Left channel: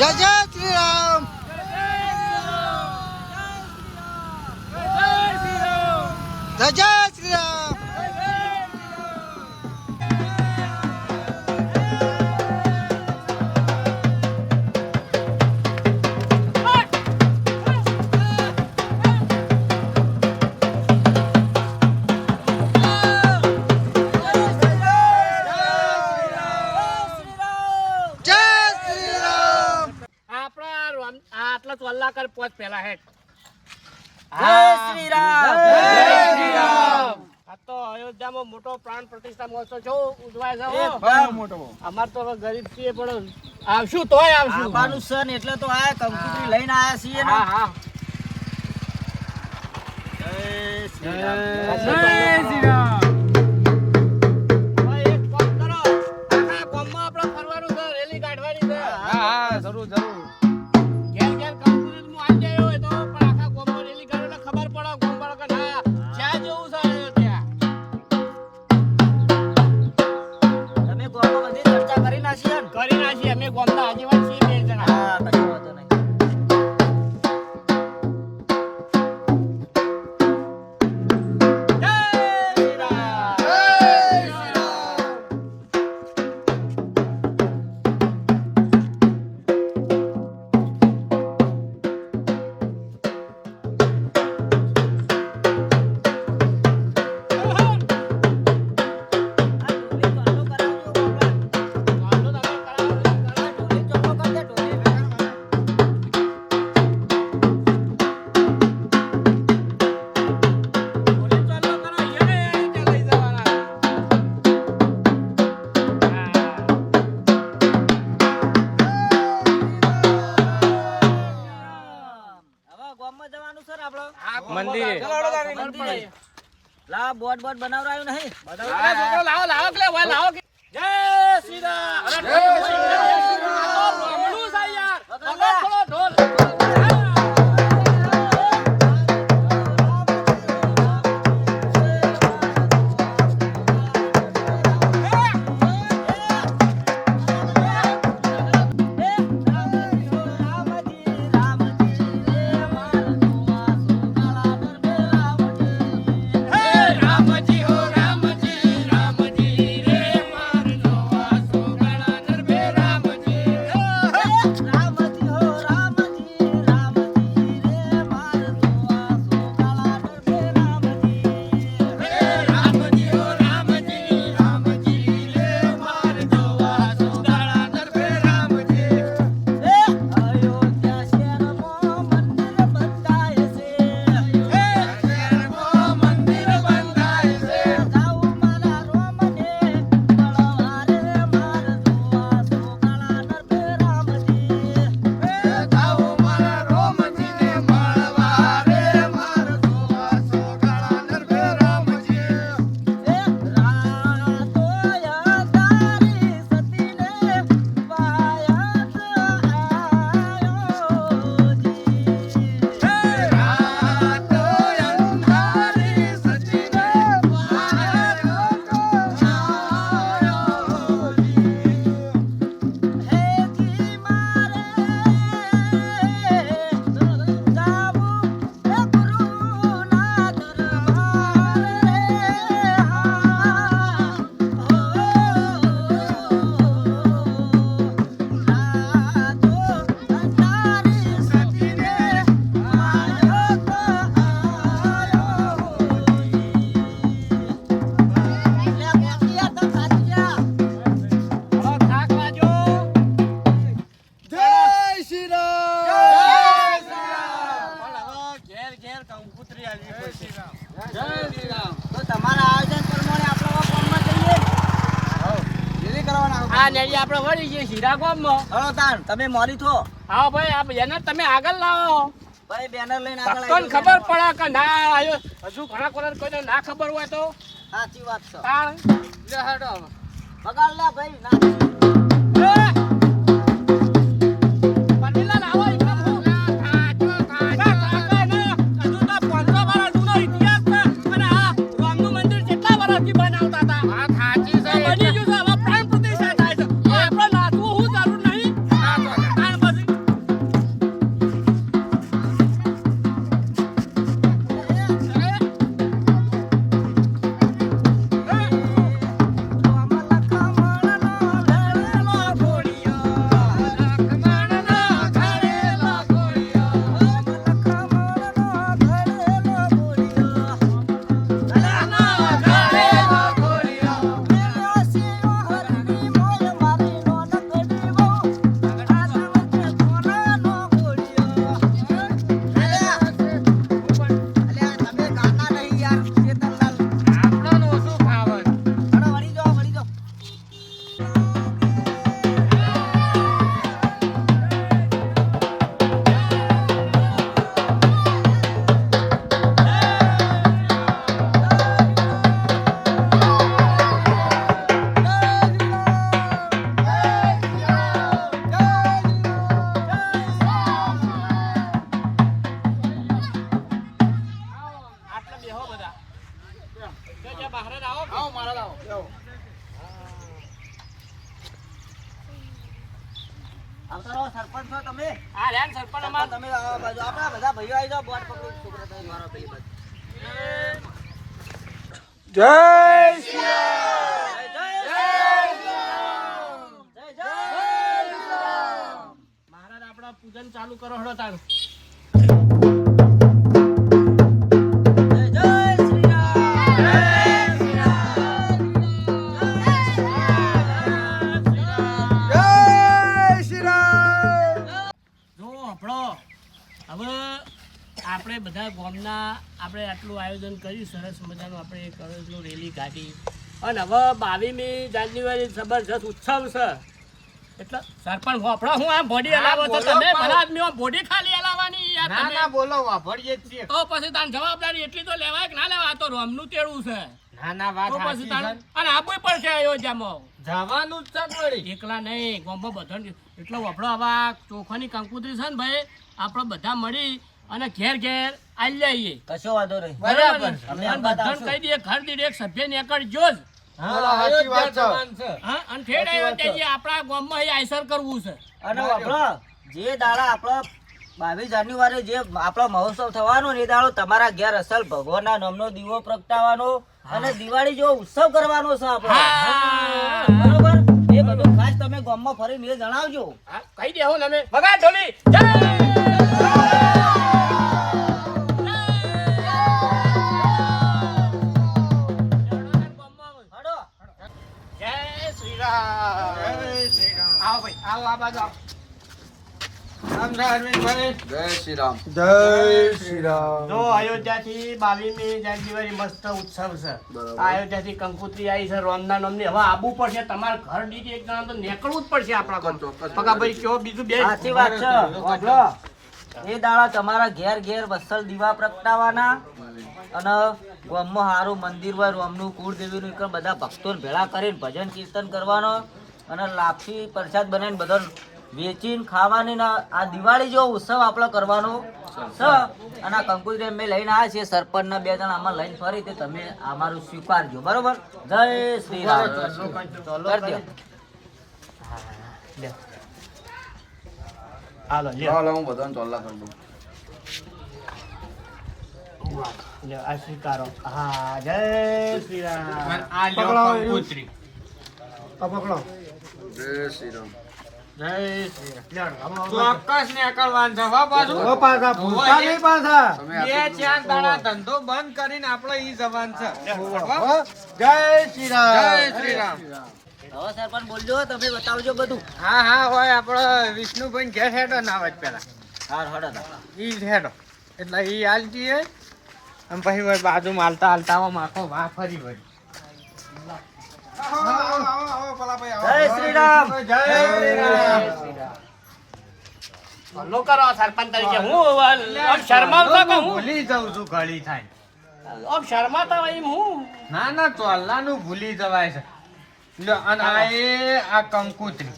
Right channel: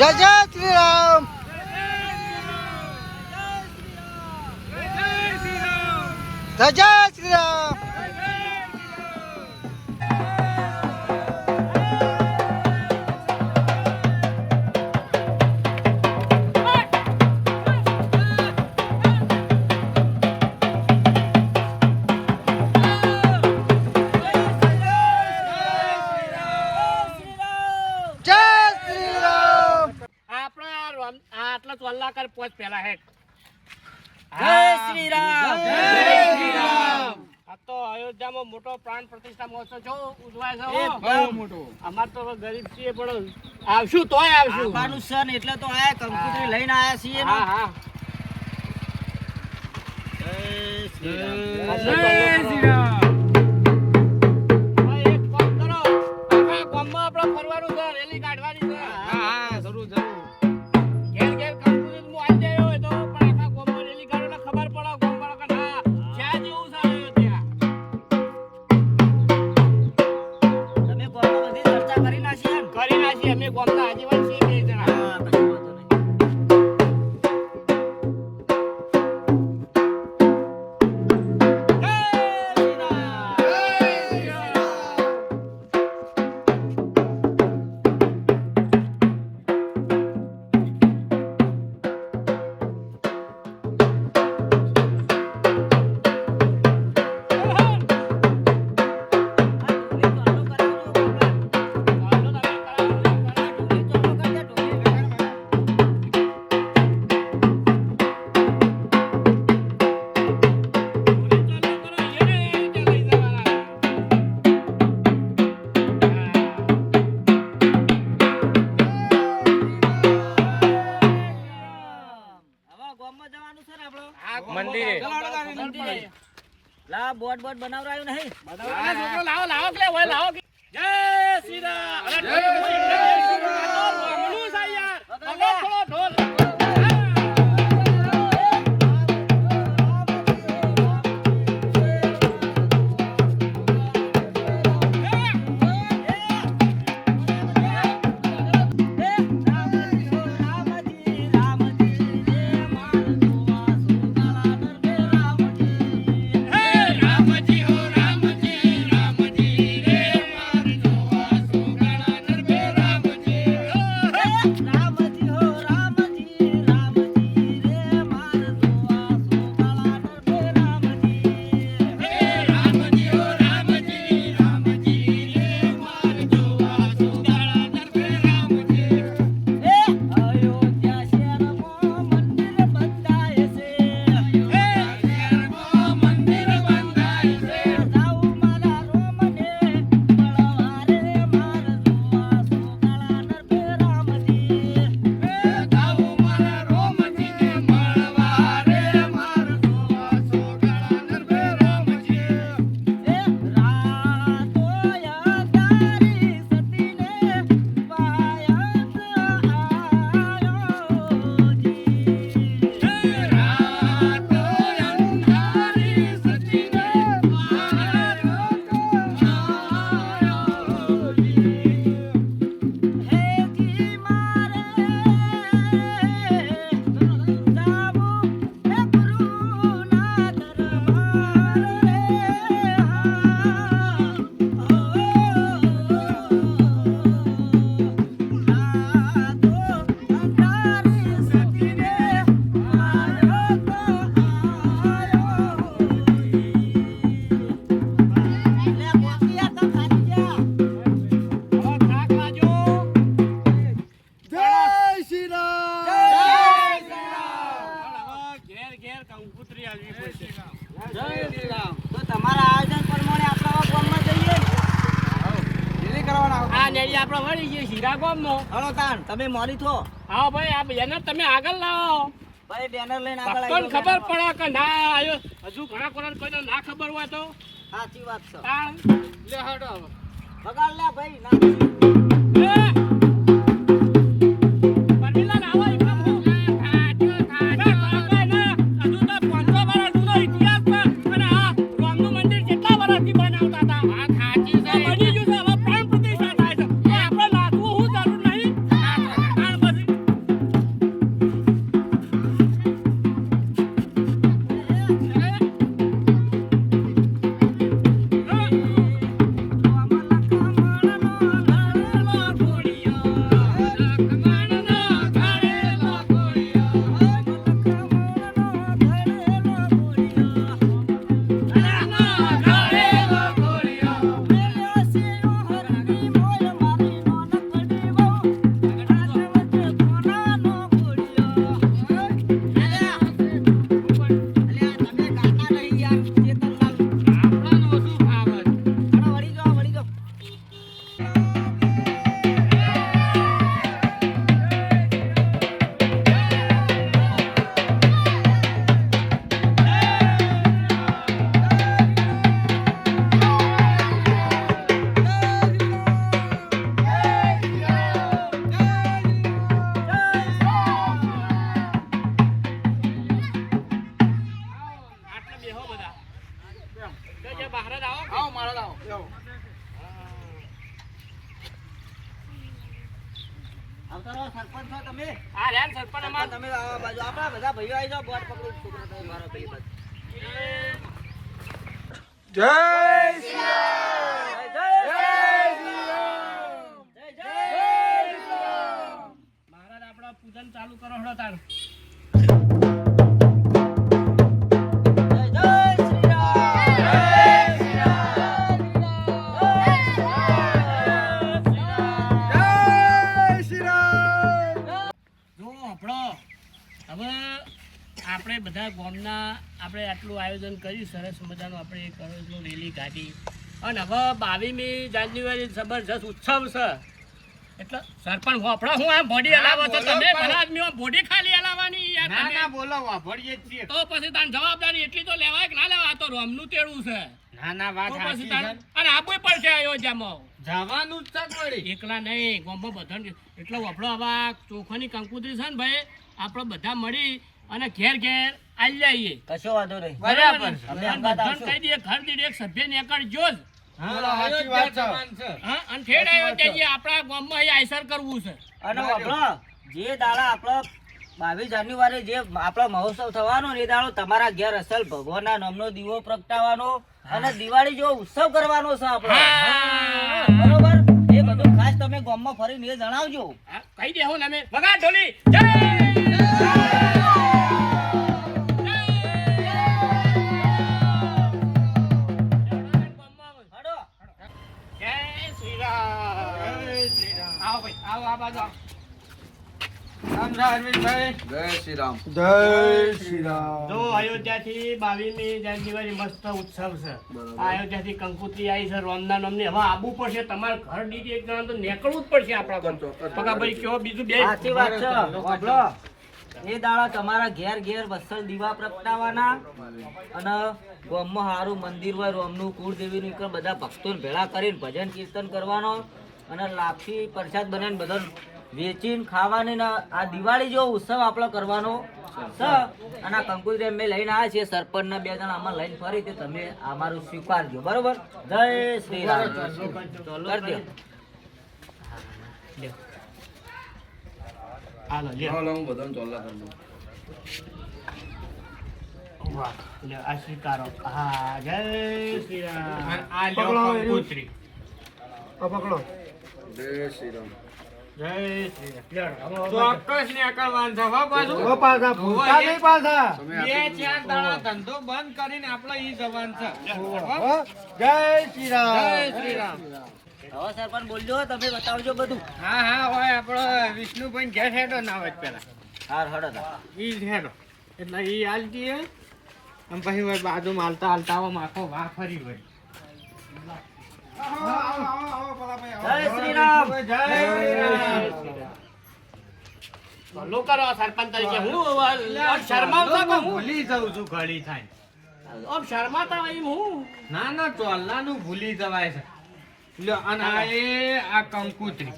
જય જય શ્રી રામ. જય જય શ્રી રામ. પોચ પેલા હે. જય શ્રી રામ. જય શ્રી રામ. આ તો અયોધ્યામાં મોટો પ્રાણ પ્રતિષ્ઠા મહોત્સવ જો ઉજવાય છે. બહુ મોટો. અમાર તો ગરીબ છીએ પણ આવશું તોય આવશું. આબાનું સન એટલે તો આયા કંકુતરી લઈને આયા છીએ ને. હા હા. જય શ્રી રામ. જય શ્રી રામ. હવે એક કામ કરો. આખા ગામમાં આપણે ફરવાનું છે, રેલી કાઢવાની છે. હા હા જરૂર જરૂર. ઘેર ઘેર કંકુતરી હું આવી જાય હોય તો પણ આખા ગામમાં રેલી કાઢો એટલે ખબર પડે ગામ વાળા કે ના જ્યાં જેવું છે ત્યાં. તમે ગામમાં બધી ચર્ચા કરી નાખી એમ. કરી નાખીએ અમે ગામના આગેવાન છીએ બે જણા. હા કશો વાંધો નહીં. મંદિરે લા બોર્ડ બોર્ડ બનાવરાયું નહીં. લાવો લાવો કે ઓય લાવો કે જય શ્રી રામ. જય શ્રી રામ. મમણું છે યાર. થોડો ઢોલ. તમે મોરી થો. હા ભાઈ આ બેનર તમે આગળ લાવો. ભાઈ બેનર લઈને આગળ ભક્તોને ખબર પડે કે ના આયો હજુ ઘણા કોને કોઈને ના ખબર હોય તો સાચી વાત છે. તાણ લે હાડો બગાડ લે ભાઈ ના. પનીલા લાવો એકદમ હો. થાચો હજુ તો 500 વર્ષ જૂનો ઇતિહાસ છે અને આ રામનું મંદિર કેટલા વર્ષથી બનાવતા હતા. આ થાચી છે બની ગયું છે. હવે પ્રાણ પ્રતિષ્ઠા થાય છે. આપણે નાચવું હું જરૂર નહીં. તાણ પછી જો જે બહાર જ આવો આવો મારા આવો બેહો. આવતા રહો, સરપંચ છો તમે. હા રેન સરપંચ સરપંચ અમાર તમે આવો બાજુ. આપણા બધા ભાઈઓ આવી જાઓ, બોટ પકડી છોકરા તમે મારો ભાઈ બાજુ. જય મહારાજ આપણા પૂજન ચાલુ કરો હળો તારું જો આપણો હવે આપણે બધા ગામના આપણે આટલું આયોજન કર્યું સરસ મજાનું આપણે એક કરોડનું રેલી કાઢી અને હવે 22મી જાન્યુઆરી જબરજસ્ત ઉત્સવ છે એટલે સરપંચ વાપરો હું આ બોડી હલાવો તો તમે ભલા આદમી બોડી ખાલી હલાવવાની યાર ના તમે. ના બોલો વાપરીએ જ છીએ. તો પછી તાન જવાબદારી એટલી તો લેવાય કે ના લેવાય આ તો રોમનું તેડું છે ના ના વાત તો પછી સાચી તાન છે. અને આપવું પડશે અયોધ્યામાં જવાનું જ છે જ વળી. એકલા નહીં ગામમાં બધાને એટલે વાપરો હવે આ ચોખાની કંકુતરી છે ને ભાઈ આપણે બધા મળી અને ઘેર ઘેર આવી જઈએ કશો વાંધો નહીં. બરાબર. અમે અને અંબાદ બધાને આવશું. કહી દઈએ ઘર દીઠ એક સભ્ય નીકળજો જ હા, સાચી વાત છે. હા અને ઠેડ અયોધ્યા જઈએ આપણા ગામમાં અહીં આયસર કરવું છે અને વાપરો, જે દાડા આપણો 22 જાન્યુઆરી જે આપણો મહોત્સવ થવાનો ને એ દાડો તમારા ઘેર અસલ ભગવાનના નામનો દીવો પ્રગટાવવાનો અને દિવાળી જેવો ઉત્સવ કરવાનો છે આપણો. હા. બરોબર, એ બધું ખાસ તમે ગામમાં ફરીને એ જણાવજો. હા, કહી દે હું તમે વગા ઢોલી જય હડો. જય શ્રી રામ જય શ્રી રામ. આવો ભાઈ આવો આ બાજુ આવો. રામ જય અરવિંદભાઈ. જય શ્રી રામ. જય શ્રી રામ. જો અયોધ્યાથી 22મી જાન્યુઆરી મસ્ત ઉત્સવ છે બરાબર. આ અયોધ્યાથી કંકોત્રી આવી છે રોમના નામની હવે આબુ પડશે તમારે ઘર દીઠ એક જણા તો નીકળવું જ પડશે આપણા ગામ. ચોક્કસ. પકા ભાઈ કયો બીજું બે સાચી વાત છે. વાપરો, એ દાડા તમારા ઘેર ઘેર વસલ દીવા પ્રગટાવવાના અને ગામમાં સારું મંદિર હોય રોમનું કુળદેવીનું એક બધા ભક્તોને ભેળા કરીને ભજન કીર્તન કરવાનો અને લાપસી પ્રસાદ બનાવીને બધા વેચીને ખાવાની ને આ દિવાળી જેવો ઉત્સવ આપણે કરવાનો છે. અને આ કંકુતરી અમે લઈને આવ્યા છીએ સરપંચના 2 જણા આમાં લઈને ફરી તે તમે અમારું સ્વીકારજો. બરોબર, જય શ્રી રામ. કરી દો. હાલો લ્યો. હાલો, હું બધાને ચોલ્લા કરી દઉં. વાહ, લ્યો, આ સ્વીકારો. હા જય શ્રી રામ આ લ્યો કંકોત્રી. જય શ્રી રામ. જય શ્રી રામ ચોક્કસ નીકળવાનું છે હો પાછું. તમે બે આટલું ચાર બધું દાડા ધંધો બંધ કરીને આપણે ઈ જવાનું છે. જય શ્રી રામ. જય શ્રી રામ. હવે સરપંચ બોલજો, તમે બતાવજો બધું. હા હા હોય આપણે વિષ્ણુભાઈ ઘેર હેડો ના આવે પેલા હાર હડો તા. ઈ જ હેડો એટલે ઈ હાલતી હોય અને પછી હોય બાજુમાં હાલતા હાલતા આવો માખો વાહ ફરી વળી. જય શ્રી રામ. જય શ્રી રામ. ભલો કરો સરપંચ તરીકે હું આમ શરમાવતો કે હું ભૂલી જાઉં છું ઘડી થાય. આમ શરમાતા હોય એમ હું ના ના ચોલ્લાનું ભૂલી જવાય છે. લ્યો અને આ એ આ કંકુતરી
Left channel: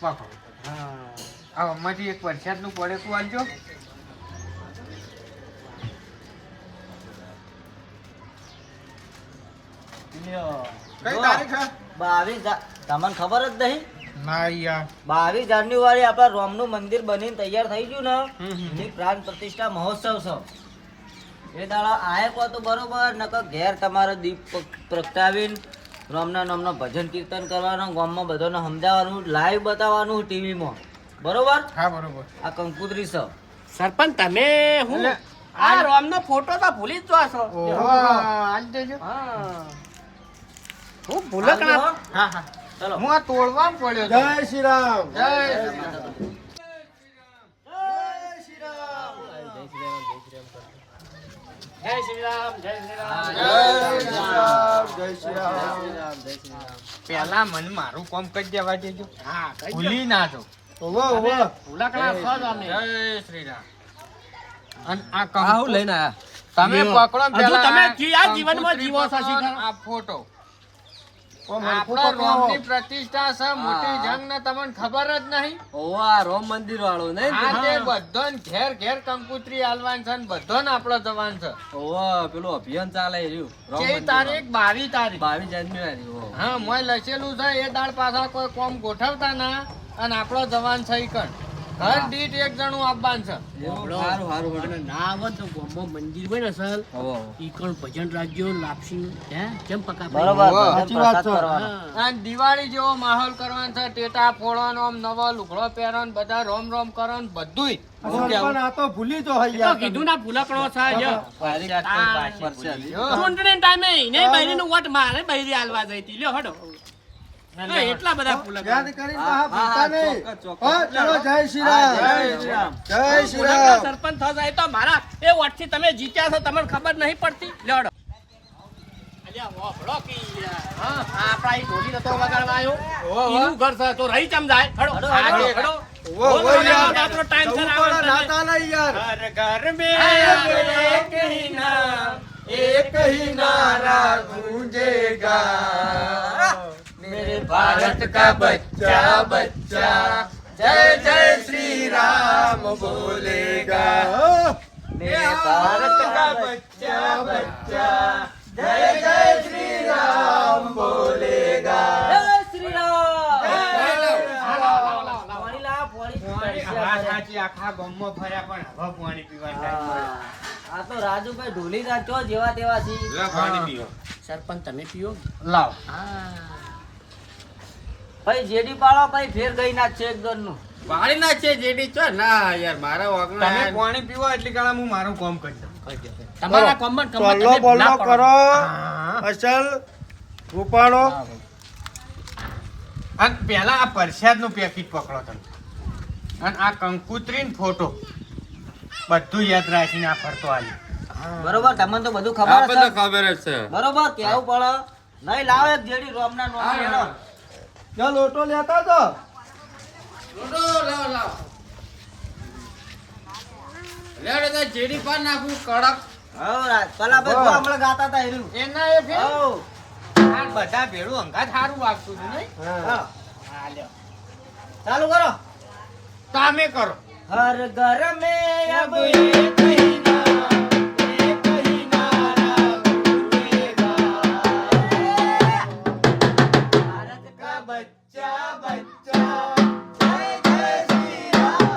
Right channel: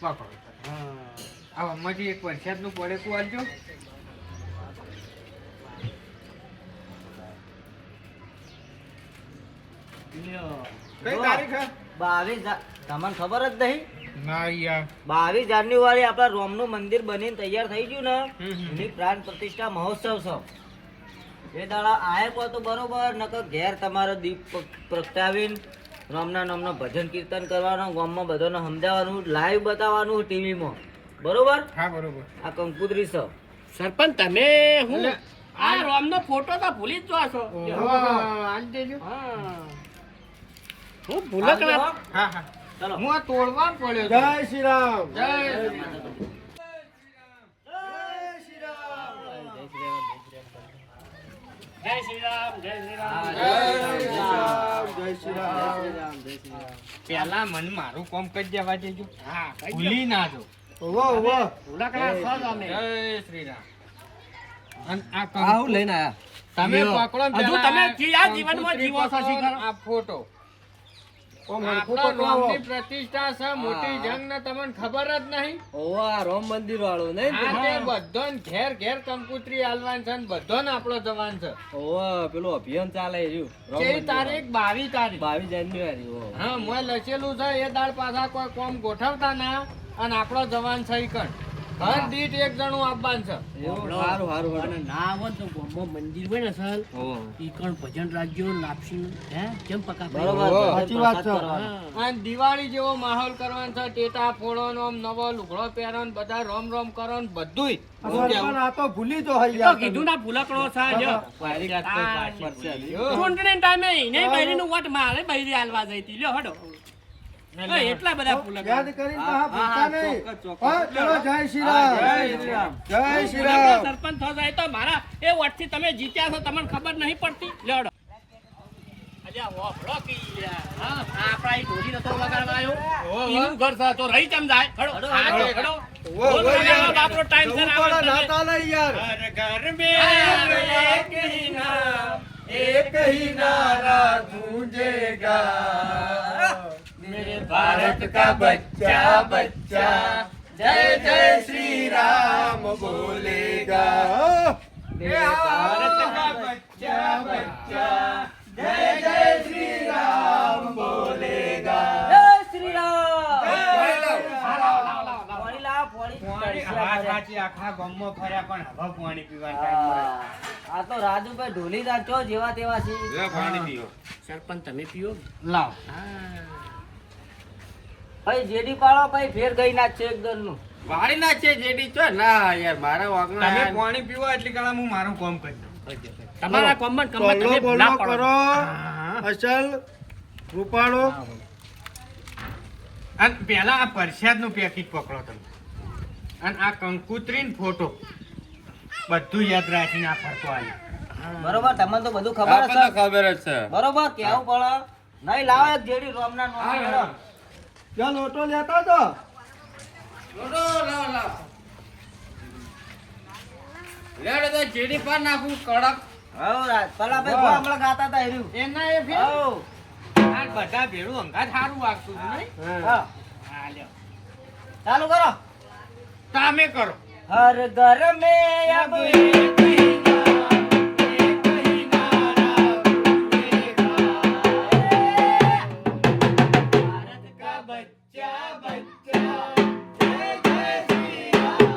પકડો. આ આમાંથી એક વરસાદનું પડેકું આલજો. લ્યો. કઈ તારીખ છે? 22 તમને ખબર જ નહીં? ના યાર. 22 જાન્યુઆરી આપણા રોમનું મંદિર બનીને તૈયાર થઈ ગયું ને હમ. એની પ્રાણ પ્રતિષ્ઠા મહોત્સવ છે. એ દાડા આયકો તો બરોબર, નકર ઘેર તમારે દીપ પ્રગટાવીને રોમના નામનો ભજન કીર્તન કરવાનું, ગામમાં બધાને સમજાવવાનું, લાઈવ બતાવવાનું ટીવીમાં. બરોબર, હા બરોબર. આ કંકુતરી છે. સરપંચ તમે હું એટલે આ રોમનો ફોટો તો ભૂલી જ જાશો ઓહો, આલી દેજો. હા હું ભૂલક આવજો, હો. ના હા હા. ચલો. હું આ તોડવા પડ્યો. જય શ્રી રામ. જય શ્રી રામ. જય શ્રી રામ જય શ્રી રામ જય શ્રી રામ. જય શ્રી રામ. પેલા મને મારું કામ કરી દેવા દેજો. હા કઈ ભૂલી ના જાઉં. ભૂલક ના છો જ અમે જય શ્રી રામ. અને આ કંકુ લઈને તમે લ્યો. પકડો ને હજુ પેલા તમે આ આ જીવનમાં કંકોત્રી જીવો છો, પકડો ને શીખરો. આ ફોટો ઓમ હરખું આપણા પકડાવો. ગામની પ્રતિષ્ઠા છે મોટી જંગ ને તમને ખબર જ નહીં ઓવા રામ મંદિર વાળું નહીં હા તે બધાને ઘેર ઘેર કંકુતરી આલવાન છે ને બધાને આપણો જવાન છે ઓવા પેલું અભિયાન ચાલે રહ્યું રામ જે મંદિર તારીખ 22 તારીખ 22 જાન્યુઆરી ઓ હા મોય લખેલું છે એ દાળ પાછા કોઈ કોમ ગોઠવતા ના અને આપણો જવાન છે ઈ કણ ઘર દીઠ એક જણું આપવાનું છે એવું સારું સારું અને ના આવે ને તો ગામમાં મંદિર હોય ને અસલ ઈ કણ ભજન રાખજો લાપસી હે કેમ પકા ભાઈ? બરોબર સાચી વાત છે. હા. અને દિવાળી જેવો માહોલ કરવાનો છે ટેટા ફોડવાનો આમ નવો લુગડો પહેરવાનો બધા રોમ રોમ કરવાનું બધુંય પણ આ તો ભૂલી તો એ તો કીધું ના ભૂલકડો છે જો. ચૂંટણી ટાઈમે એને બૈરીનું વોટ મારે બૈરી આલવા જઈ હતી. લ્યો હડો હા, એટલા બધા ભૂલકડો. યાદ કરીને હા ભૂલતા નહીં. હા, ચલો જય શ્રી રામ. જય શ્રી ભૂલકડો રામ. સરપંચ થવા જાય તો મારા એ વોટથી તમે જીત્યા છો તમને ખબર નહીં પડતી. લ્યો હડો. અલ્યા વાપરો કી યાર. હા, આપણા ઈ ઢોલી નતો વગાડવા આવ્યો. ઈનું ઘર છે તો રહી ચમ જાય. હડો હડો હડો. વો, વો યાર. આપણો ટાઈમ છે જવું ને પડે, આવડે ના તમે. ચાલે યાર. एक ही नारा गूंजेगा मेरे भारत का बच्चा बच्चा जय जय श्री राम बोलेगा मेरे भारत का बच्चा बच्चा जय जय श्री राम बोलेगा जय श्री राम પાણી લાવ, પાણી. આખા ગામમાં ફર્યા પણ હવે પાણી પીવાનું time મળ્યો. આ તો રાજુભાઈ ઢોલીદાર છો જેવા તેવા છે. સરપંચ તમે પીઓ લાવ. ભાઈ જેડી પાડો ભાઈ ફેર ગઈ ના છે એક દરનું. વાળી ના છે જેડી ચો ના યાર મારા વાગણા તમે પાણી પીવો એટલી કાળા હું મારું કામ કરી તમારા કોમન કમર તમે ભૂલા પડો. અસલ રૂપાળો અને પેલા આ પ્રસાદ નું પેકેટ પકડો તમે અને આ કંકુત્રી ફોટો બધું યાદ રાખીને આ ફરતો આવ્યો બરોબર તમને તો બધું ખબર હશે. ખબર જ છે બરોબર કેવું પડે નહીં લાવે એક જેડી રોમના નોમ લેડો. ચાલ લોટો લેતા તો જેડી પર નાખું કડક હવ રાજ પેલા ભાઈ કોણ હમણાં ગાતા હતા એનું. એના એ ફેર હવ. આ બધા ભેળું અંગાત સારું વાગતું હતું નહીં હા. હા લ્યો ચાલુ કરો. તમે કરો હર ઘર મેં અબ એક ही नारा, एक ही नारा गूंजेगा। भारत का बच्चा बच्चा जय जय श्री राम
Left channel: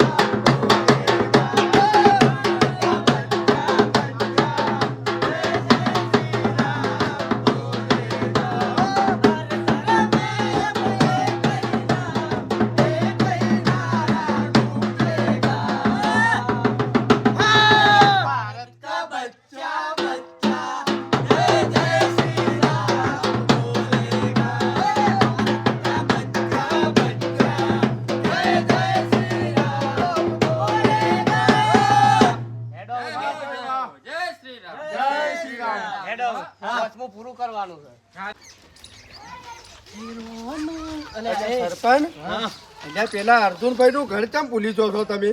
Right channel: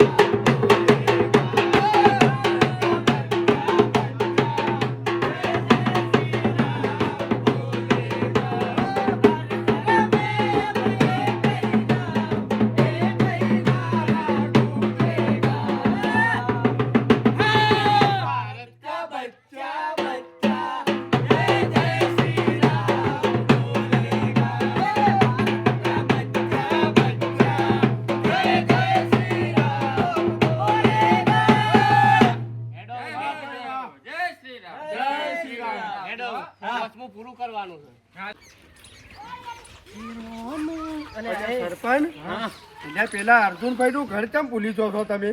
भारत का बच्चा बच्चा जय जय श्री राम बोलेगा। भारत का बच्चा बच्चा जय जय श्री राम बोलेगा। જય શ્રી રામ જય શ્રી રામ. હેડો પાંચમું પૂરું કરવાનું છે. સરપંચ એટલે પેલા અર્જુનભાઈ નું ઘર કેમ ભૂલી જો છો તમે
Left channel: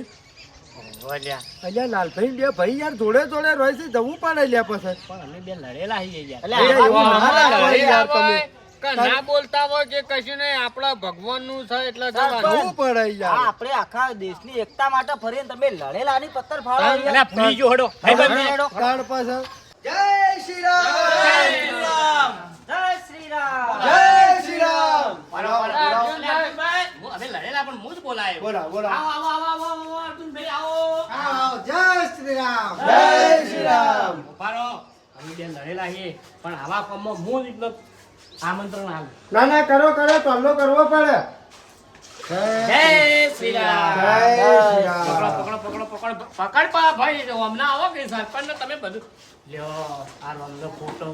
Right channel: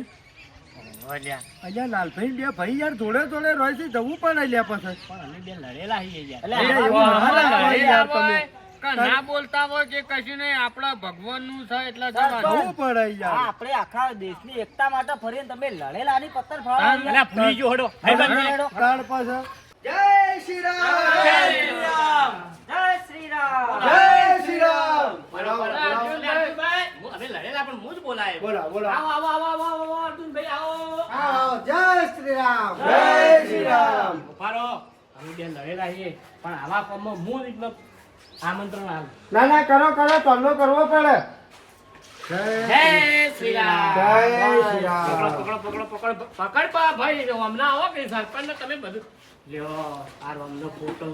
અલ્યા લાલભાઈ બે ભાઈ યાર જોડે જોડે રહે છે જવું પડે લ્યા પછી પણ અમે બે લડેલા છીએ યાર. એટલે અલ્યા, એવું આમાં ના આમાં લડાય યાર તમે. કે ના બોલતા હોય કે કશું નહીં આપણા ભગવાન નું છે એટલે જવાનું. જવું પડે આ યાર આપણે આખા દેશની એકતા માટે ફરીને તમે લડેલાની પત્તર ફાળો અલ્યા ભૂલી ગયો હડો. ભાઈબંધ લેડો. તાર પાછળ જય શ્રી રામ જય શ્રી રામ. જય શ્રી રામ. જય શ્રી રામ અમે લડેલા પણ હું જ બોલાયો. બોલા બોલા આવો આવો આવો આવો આવો અર્જુનભાઈ આવો. જય શ્રી રામ જય શ્રી રામ ઉભા રહો. અમે બે લડેલા છીએ પણ આવા કામમાં હું જ એટલે આમંત્રણ આલું. ના ના કરો કરો ટલ્લો કરવો પડે જય શ્રી રામ. જય શ્રી રામ પકડો પકડો પકડો પકડ પકડ પા ભાઈ હમણાં આવો કે સરપંચ તમે બધું લ્યો આ રોમનો ફોટો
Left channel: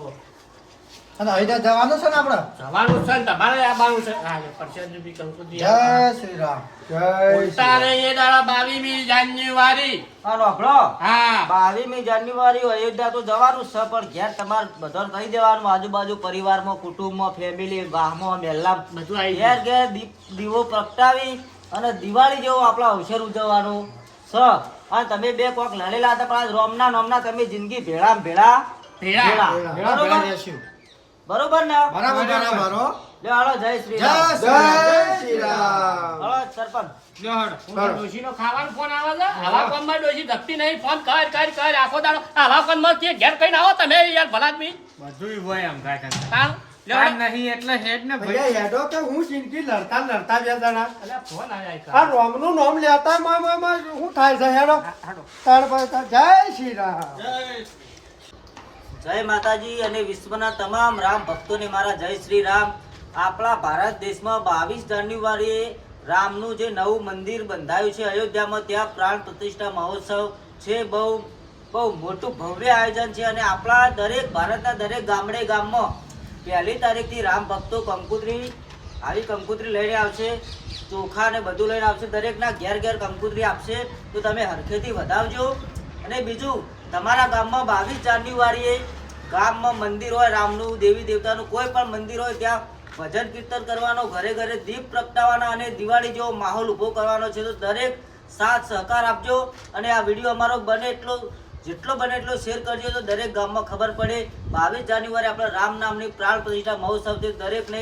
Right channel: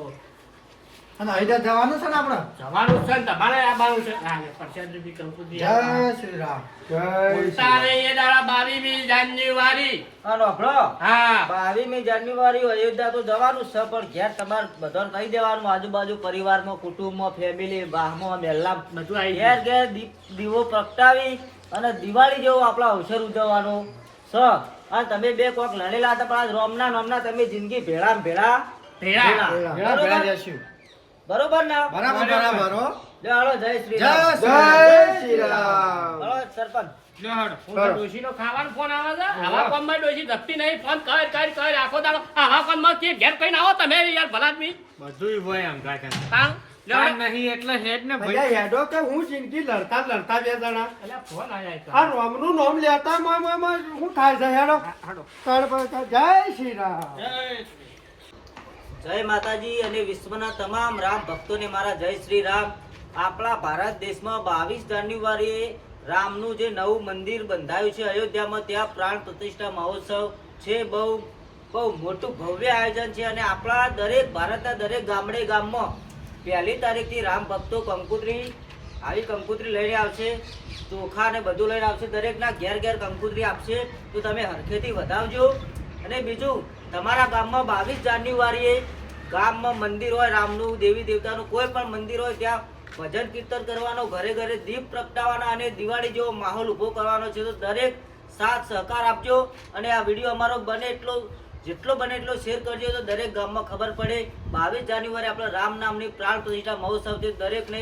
અને અહીંથી જવાનું છે ને આપણે જવાનું છે ને તમારે આવવાનું છે. હા લે પરસાદ રૂપી કંકુતી જય શ્રી રામ જય ઉતારે એ દાડા 22મી જાન્યુઆરી. હા નોભલો. હા 22મી જાન્યુઆરી અયોધ્યા તો જવાનું છે પણ ઘેર તમારે બધાને કહી દેવાનું આજુબાજુ પરિવારમાં કુટુંબમાં ફેમિલી ગામમાં મહેલા બધું આવી ઘેર ઘેર દીવો પ્રગટાવી અને દિવાળી જેવો આપણો અવસર ઉજવવાનો છે. અને તમે બે કોક લડેલા હતા પણ આજ રોમના નોમના તમે જિંદગી ભેળા ભેળા. બરોબર ને બરાબર બરાબર હો. લ્યો હાલો, જય શ્રી જય રામ. શ્રી રામ. હાલો, સરપંચ. લ્યો હેડો. હાલો. ડોશીનો ખાવાનો ફોન આવે છે આવા કામમાં ડોશી ધપતી નહીં ફોન કર આખો દાડો આવા કામમાં કે ઘેર કઈને આવો તમે યાર ભલા આદમી બધુંય હોય આમ થાય છે. આમ લ્યો કામ નહીં એટલે હેડ ને ભાઈ. ભૈયા હેડો કે હું જિંદગી લડતા બે જણા અલ્યા ફોન આયા આ રોમનું નામ લેતા શું થાય છે હેડો તાર પર જય શ્રી રામ. જય માતાજી અને વિશ્વના તમામ રામ ભક્તોને મારા જય શ્રી રામ. આપણા ભારત દેશમાં 22 જાન્યુઆરીએ રામનું જે નવું મંદિર બંધાયું છે અયોધ્યામાં, ત્યાં પ્રાણ પ્રતિષ્ઠા મહોત્સવ છે. બહુ મોટું ભવ્ય આયોજન છે અને આપણા દરેક ભારતના દરેક ગામમાં 1 તારીખથી રામ ભક્તો કંકુતરી લઈને આવશે, ચોખા ને બધું લઈને આવશે. દરેકના ઘેર કંકુતરી આપશે, તો તમે હરખેથી વધાવજો. અને બીજું, તમારા ગામમાં 22 જાન્યુઆરીએ ગામમાં મંદિર હોય, રામનું દેવી દેવતાનું કોઈ પણ મંદિર હોય, ત્યાં ભજન કીર્તન કરવાનો, ઘરે ઘરે દીપ પ્રગટાવવાના અને દિવાળી જેવો માહોલ ઊભો કરવાનો છે. તો દરેક સાથ સહકાર આપજો અને આ વિડીયો અમારો જેટલો બને એટલો શેર કરજો, તો દરેક ગામમાં ખબર પડે. 22 જાન્યુઆરી આપણે રામ નામની પ્રાણ પ્રતિષ્ઠા મહોત્સવ છે. દરેકને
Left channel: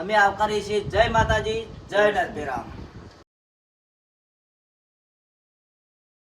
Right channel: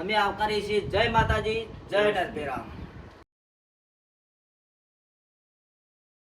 અમે આવકારીએ છીએ. જય માતાજી, જય નરભે રામ.